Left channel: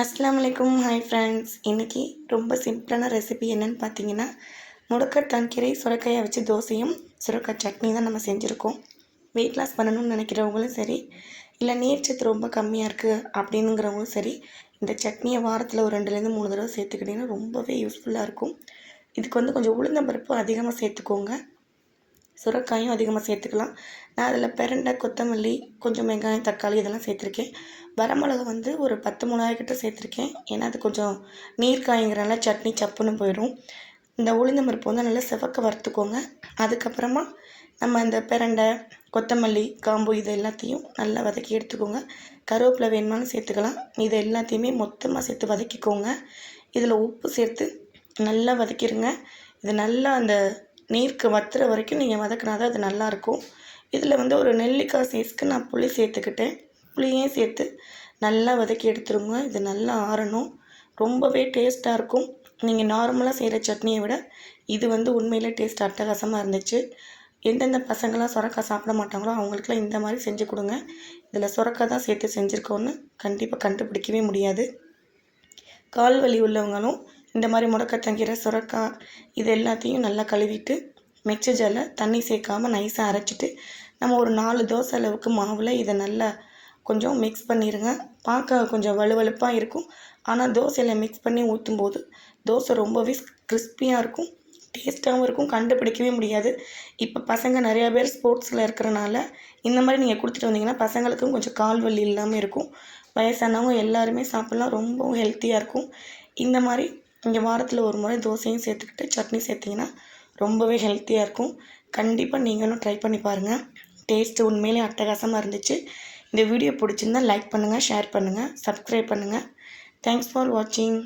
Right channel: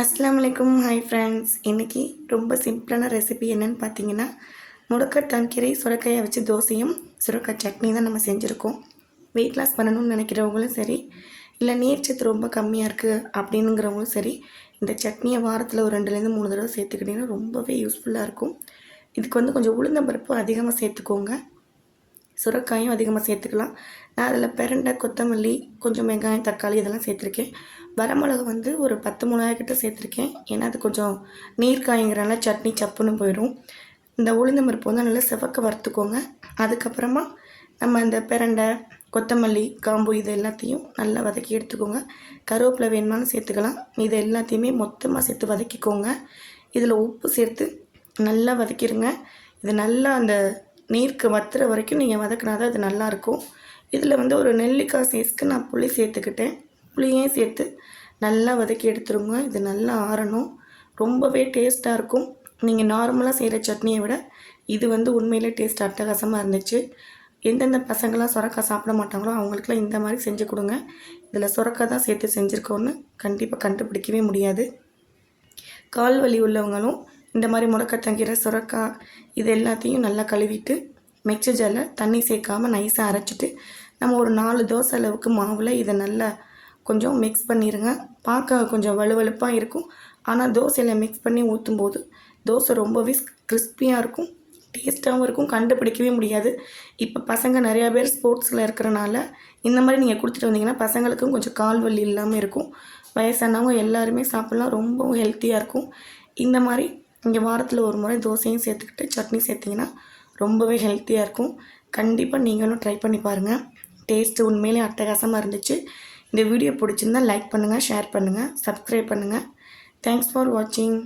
அஸ்ஸலாமு hi friends. இன்றைக்கி ரொம்ப சிம்பிளான ரெசிபி என்னென்னு பார்த்தீங்கன்னா, முடக்கத்தான் கீரை சுரைக்காயை வச்சு தோசையும் சுரைக்காய் சட்னி தான் நம்ம செஞ்சுருக்கோம். வெயிட் லாஸ் பண்ணணும்னு நினைக்கிறவங்களும் சரி, இல்லை நீர்ச்சத்து ரொம்ப கம்மியாக இருக்குது அப்படின்னுங்கிறவங்களும் சரி, இந்த சட்னியை வாரத்தில் ஒரு 2லேருந்து 3 தடவை சேர்த்துக்கிட்டிங்கன்னா ரொம்பவே யூஸ்ஃபுல்லாக இருக்கும். இதுக்கு கொஞ்சம் உளுந்தம்பருப்பு அதிகமாக சேர்த்துக்கோங்க. சுரைக்காயும் அதிகமாக சேர்த்துக்கலாம். நான் அதில் பிரண்டை, கொத்தமல்லி, கொஞ்சம் வெங்காயம், தக்காளி இதெல்லாம் சேர்த்துருக்கேன். வரமிளகா ஒரு 10 மிளகாய் கிட்ட சேர்த்துருக்கேன். ஏன்னா அது கொஞ்சம் நீர் காய்ங்கிறனால சட்னி சப்புன்னு போயிடும். இந்த உளுந்தம் பருப்பு நல்லா செவக்க வறுத்துக்கோங்க. அதுக்கப்புறமா நம்ம இந்த பிரண்டை, கொத்தமல்லி, காம்பு இது எல்லாத்தையும் நல்லா வதக்கி எடுத்துக்கோங்க. கருவேப்பிலை வேணுமானு சேர்த்துக்கலாம். இது எல்லாத்தையுமே மொத்தமாக சேர்த்து வதக்கிக்கோங்க. இதில் உப்பு சேர்த்து நல்லா வதக்கிடுங்க. இது நல்லா அந்த நீருக்கு வத்துற வரைக்கும் நீங்கள் வதக்கினா தான் அது நல்லாயிருக்கும். இதில் ஒரு நெல்லிக்காய் சைஸ்க்கு நான் புளி சேர்த்துக்கிட்டேன். புளியையும் சேர்த்து நல்லா வதக்கி எடுத்துருங்க. இது நல்லா ஆறணும். ரொம்பவே டேஸ்ட்டாக இருக்கும். நீங்கள் நார்மலாக செய்கிற சட்னியை விட இது உண்மையிலே டேஸ்ட் அட்டகாசமாக இருந்துச்சு. எந்தெந்த பசங்களாம் சுரக்காய் சாப்பிட மாட்டாங்களோ அவங்களுக்குலாம் இந்த மாதிரி செஞ்சு கொடுங்க. இதில் சுரக்காய் தான் சேர்த்து செஞ்சுருக்கோன்னு கண்டிப்பாக கண்டுபிடிக்கவே முடியாது. கால் வலி உள்ளவங்களும் இந்த மாதிரி முடக்கத்தங்கீரை, சுரக்காய் இது எல்லாத்தையும் நல்லா கழுவிட்டு மிக்ஸி ஜாரில் தண்ணி சேர்க்காமல் நைஸாக அரைச்சிட்டு நம்ம ஒரு 4 தோசை அளவுக்கு மாவில் இதை நல்லா கொஞ்சம் மிக்ஸ் பண்ணிடுங்க. பார்க்க கொஞ்சம் வலுவலுப்பாக இருக்கும். ஆனால் தோசையில் மிக்ஸ் பண்ணி ஊற்றும்போது தோசை ரொம்பவே கிறிஸ்பியாக இருக்கும், டேஸ்ட்டாகவும் இருக்கும். கண்டுபிடிக்கவே முடியாது. இப்போ பசங்க நிறையா பேர் ஸ்போர்ட்ஸில் இருக்கிறனால இந்த மாதிரி நீங்கள் கொடுத்துட்டு வந்தீங்கன்னா பசங்களுக்கும் கொஞ்சம் கால் வலி இல்லாமல் இருக்கும். வயசானவங்க எல்லாருமே சாப்பிட்லாம். ரொம்பவும் ஹெல்த்தியாக இருக்கும். இந்த மாதிரி இங்கே வாரத்தில் ஒரு முறை தோசையும் சேர்த்துக்கிட்டு சட்னி சேர்த்திங்கன்னா ரொம்பவே ஹெல்த்தியாக இருக்கும். கண்டிப்பாக நீங்களும் ட்ரை பண்ணி பாருங்கள். டேஸ்ட்டு உண்மையிலே அட்டகாசமாக இருந்துச்சு. இந்த வீடியோ பிடிச்சிருந்தால் லைக் பண்ணுங்கள், ஷேர் பண்ணுங்கள், சப்ஸ்கிரைப் பண்ணுங்கள். தேங்க்ஸ் ஃபார் வாட்சிங்.